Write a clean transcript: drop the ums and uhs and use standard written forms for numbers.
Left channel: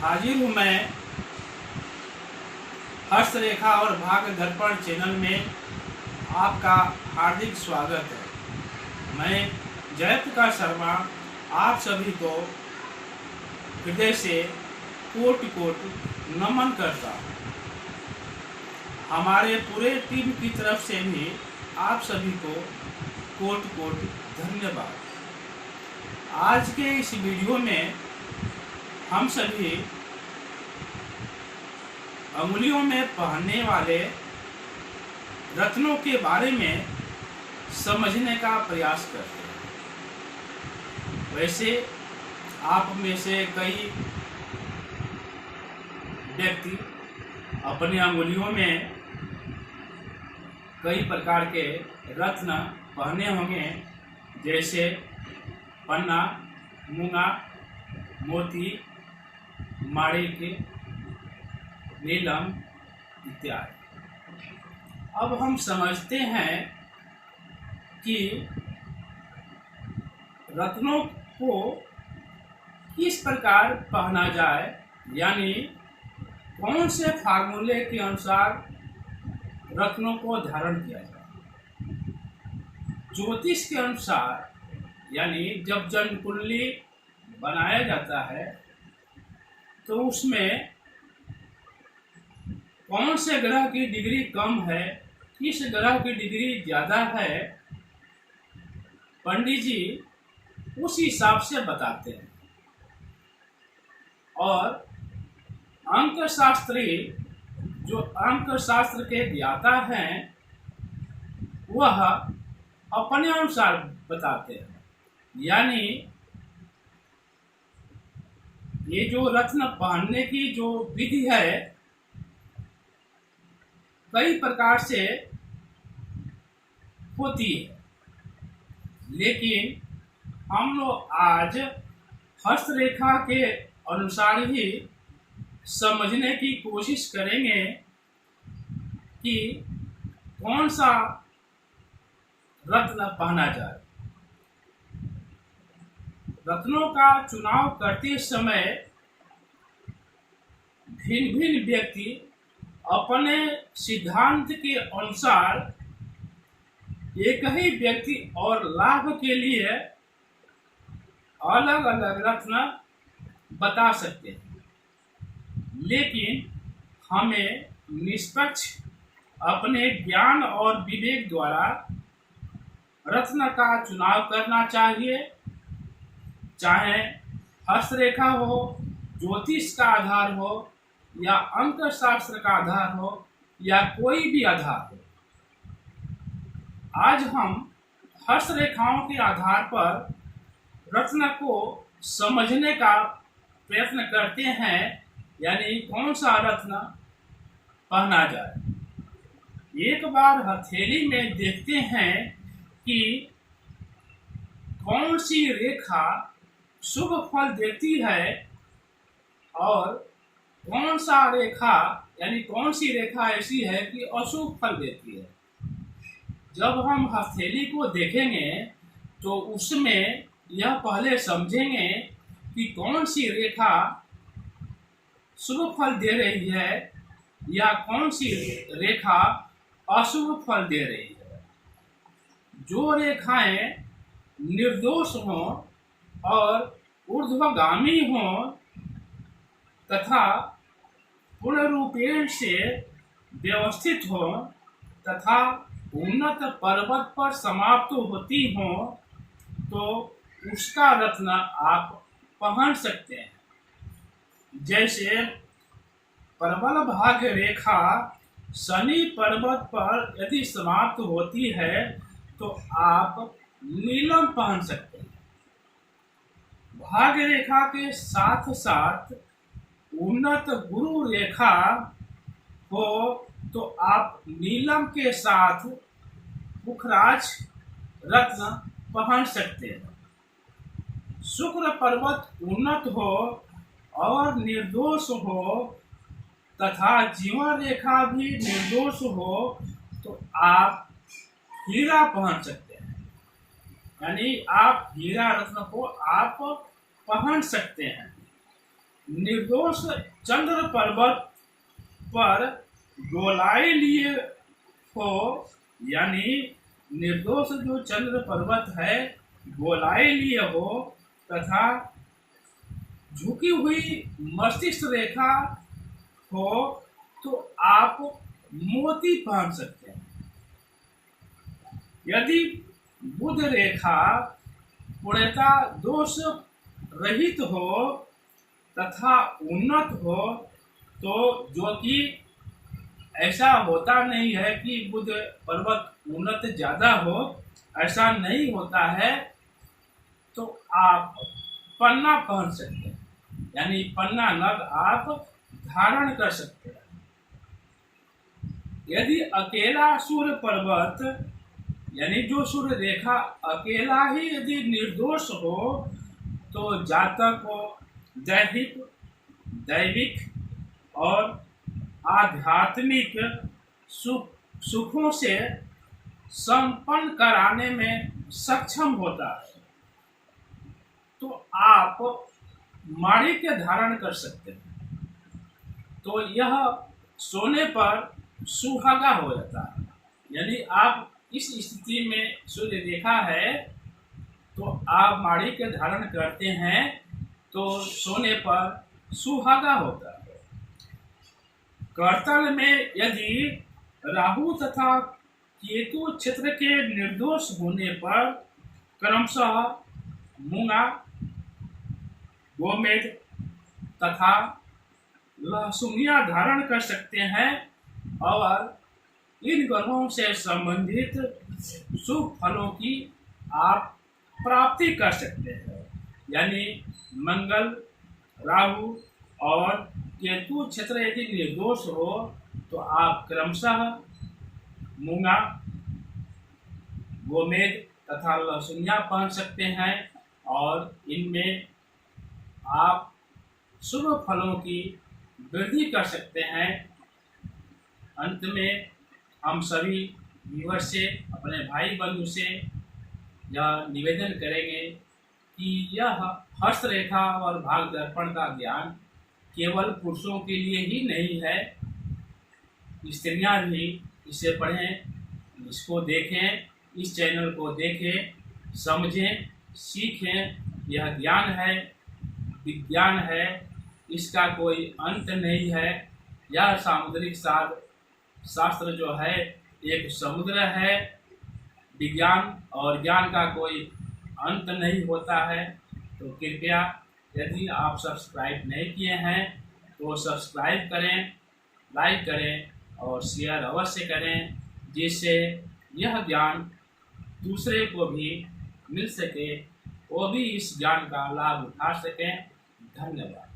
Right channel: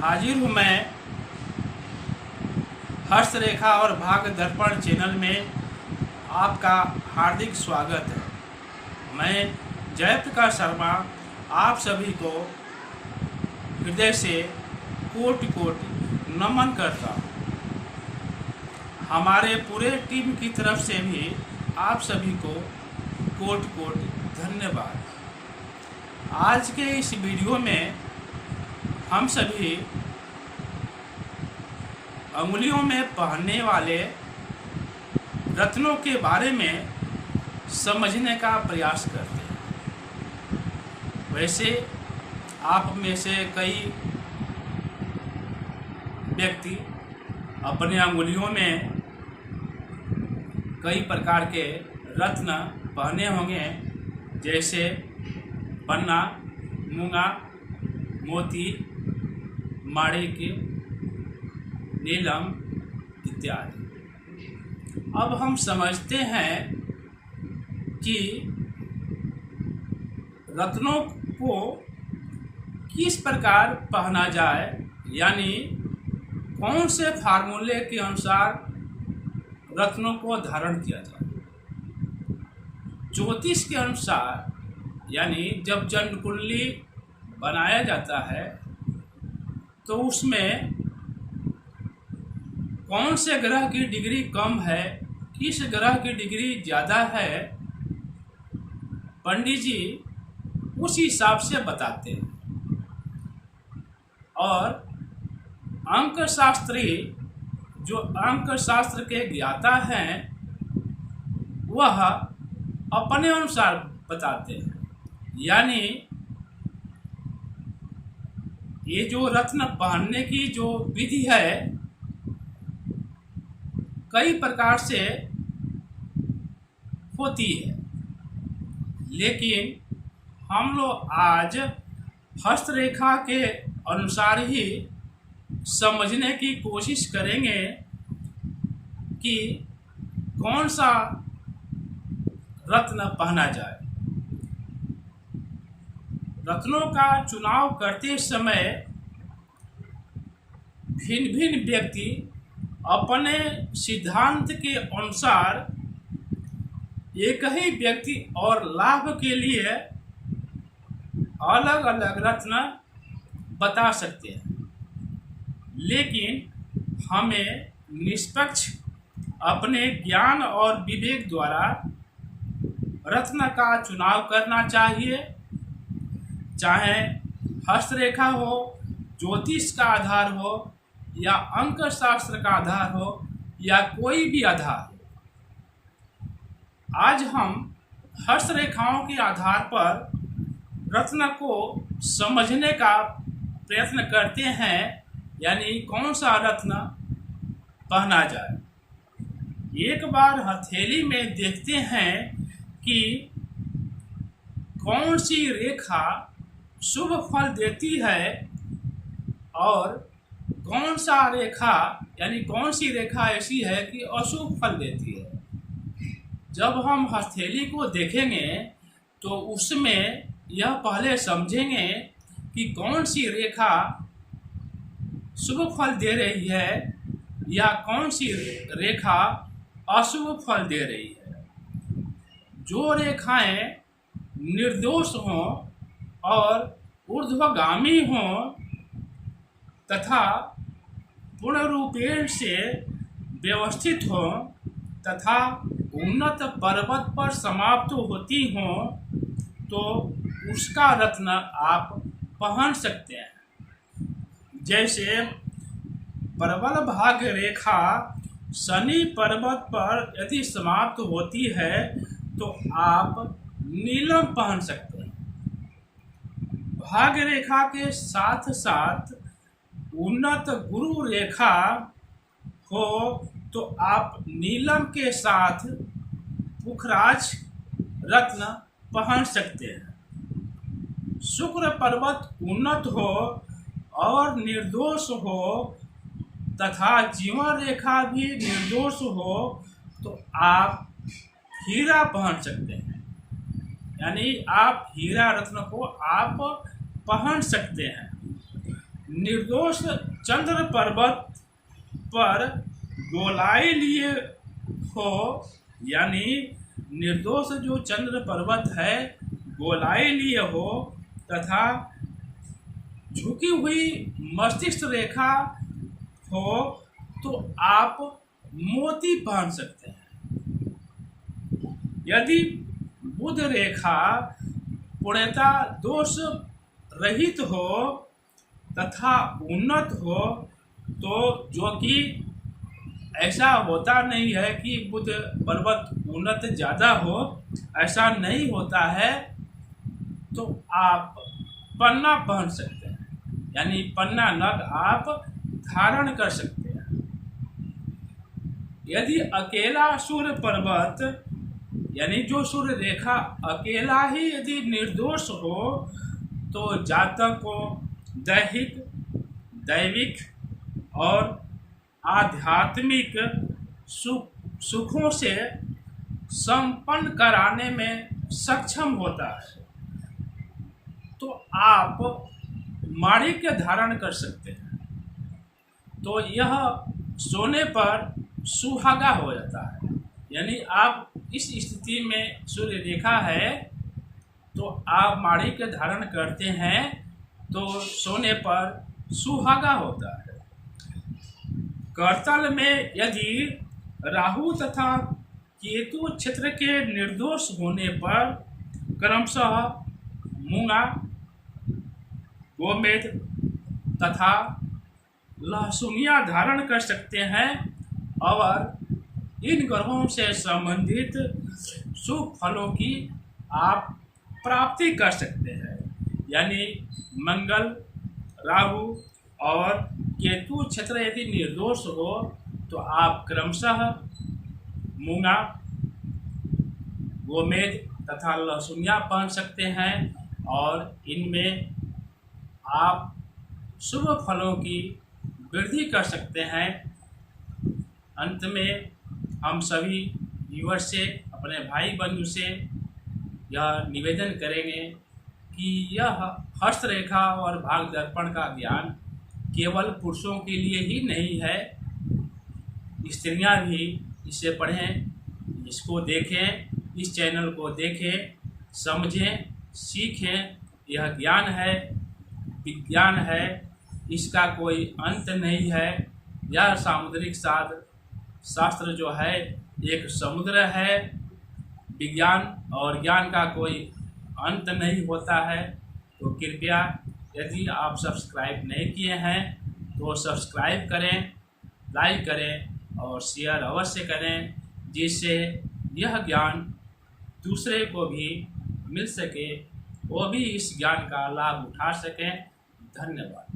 हाजिर हूँ मैं हर्ष रेखा और भाग्य दर्पण चैनल में। आपका हार्दिक स्वागत है। मैं जयप्रकाश शर्मा आप सभी को हृदय से कोटि कोटि नमन करता हूँ। हमारे पूरे टीम की तरफ से भी आप सभी को कोटि कोटि धन्यवाद। आज के इस वीडियो में हम सभी अंगुलियों में पहनने वाले रत्नों के बारे में समझने का प्रयास करते हैं। वैसे आप में से कई व्यक्ति अपने अंगुलियों में कई प्रकार के रत्न पहने होंगे, जैसे पन्ना, मूंगा, मोती, माणिक, नीलम इत्यादि। अब हम समझते हैं कि रत्नों को किस प्रकार पहना जाए, यानी कौन से फार्मूले के अनुसार रत्नों को धारण किया जाए। ज्योतिष के अनुसार, यानी जब जन्म कुंडली बनाया जाता है तो उसमें कौन से ग्रह की डिग्री कम है, किस ग्रह की डिग्री ज़्यादा है, पंडित जी उस हिसाब से बताते हैं। और अंक शास्त्री, जो अंक शास्त्र के ज्ञाता हैं, वह अपने अनुसार बताते हैं। यानी ये जो रत्न पहनने की जो विधि है, कई प्रकार से होती है, लेकिन हम लोग आज हस्तरेखा के अनुसार ही समझने की कोशिश करेंगे कि कौन सा रत्न पहना जाए। रत्नों का चुनाव करते समय भिन्न भिन्न व्यक्ति अपने सिद्धांत के अनुसार एक ही व्यक्ति और लाभ के लिए अलग अलग रत्न बता सकते हैं, लेकिन हमें निष्पक्ष अपने ज्ञान और विवेक द्वारा रत्न का चुनाव करना चाहिए। चाहे हस्तरेखा हो, ज्योतिष का आधार हो, या अंक शास्त्र का आधार हो, या कोई भी आधार हो। आज हम हस्तरेखाओं के आधार पर रत्न को समझने का प्रयत्न करते हैं, यानी कौन सा रत्न पहना जाए। एक बार हथेली में देखते हैं कि कौन सी रेखा शुभ फल देती है और कौन सा रेखा, यानी कौन सी रेखा ऐसी है कि अशुभ फल देती है। जब हम हथेली को देखेंगे तो उसमें यह पहले समझेंगे कि कौन सी रेखा शुभ फल दे रही है या कौन सी रेखा अशुभ फल दे रही है। जो रेखाएं निर्दोष हों और ऊर्ध्वगामी हों तथा पूर्ण रूपेण से व्यवस्थित हो तथा उन्नत पर्वत पर समाप्त होती हो, तो उसका रत्न आप पहन सकते हैं। जैसे प्रबल भाग्य रेखा शनि पर्वत पर यदि समाप्त होती है तो आप नीलम पहन सकते हैं। भाग्य रेखा के साथ साथ उन्नत गुरु रेखा हो तो आप नीलम के साथ पुखराज रत्न पहन सकते हैं। शुक्र पर्वत उन्नत हो और निर्दोष हो तथा जीवन रेखा भी निर्दोष हो तो आप हीरा पहन सकते हैं। यानी आप हीरा रत्न को आप पहन सकते हैं। निर्दोष चंद्र पर्वत पर गोलाई लिए हो, यानी निर्दोष जो चंद्र पर्वत है गोलाई लिए हो तथा झुकी हुई मस्तिष्क रेखा हो तो आप मोती पहन सकते हैं। यदि बुध रेखा पूर्णतः दोष रहित हो तथा उन्नत हो, तो जो कि ऐसा होता नहीं है कि बुध पर्वत उन्नत ज़्यादा हो, ऐसा नहीं होता है, तो आप पन्ना पहन सकते हैं, यानी पन्ना नग आप धारण कर सकते हैं। यदि अकेला सूर्य पर्वत यानी जो सूर्य रेखा अकेला ही यदि निर्दोष हो तो जातक को दैविक और आध्यात्मिक सुखों से संपन्न कराने में सक्षम होता है। तो आप माणिक धारण कर सकते हैं, तो यह सोने पर सुहागा हो जाता है। यानी आप इस स्थिति में सूर्य रेखा है तो आप माणिक धारण करते हैं तो सोने पर सुहागा होता है। करतल में यदि राहु तथा केतु क्षेत्र के निर्दोष होने पर क्रमशः मूंगा, गोमेद तथा लहसुनिया धारण कर सकते हैं और इन ग्रहों से संबंधित शुभ फलों की आप प्राप्ति कर सकते हैं। यानी मंगल, राहु और केतु क्षेत्र यदि निर्दोष हो तो आप क्रमशः मूंगा, गोमेद तथा लहसुनिया पहन सकते हैं और इनमें आप शुभ फलों की वृद्धि कर सकते हैं। अंत में हम सभी व्यूअर्स से, अपने भाई बंधु से यह निवेदन करेंगे कि यह हस्तरेखा और भाग दर्पण का ज्ञान केवल पुरुषों के लिए ही नहीं है, स्त्रियां भी इसे पढ़ें, इसको देखें, इस चैनल को देखें, समझें, सीखें। यह ज्ञान है, विज्ञान है, इसका कोई अंत नहीं है। यह सामुद्रिक शास्त्र जो है एक समुद्र है। विज्ञान और ज्ञान का कोई अंत नहीं होता है। तो कृपया यदि आप सब्सक्राइब नहीं किए हैं तो सब्सक्राइब करें, लाइक करें और शेयर अवश्य करें, जिससे यह ज्ञान दूसरे को भी मिल सके, वो भी इस ज्ञान का लाभ उठा सकें। धन्यवाद।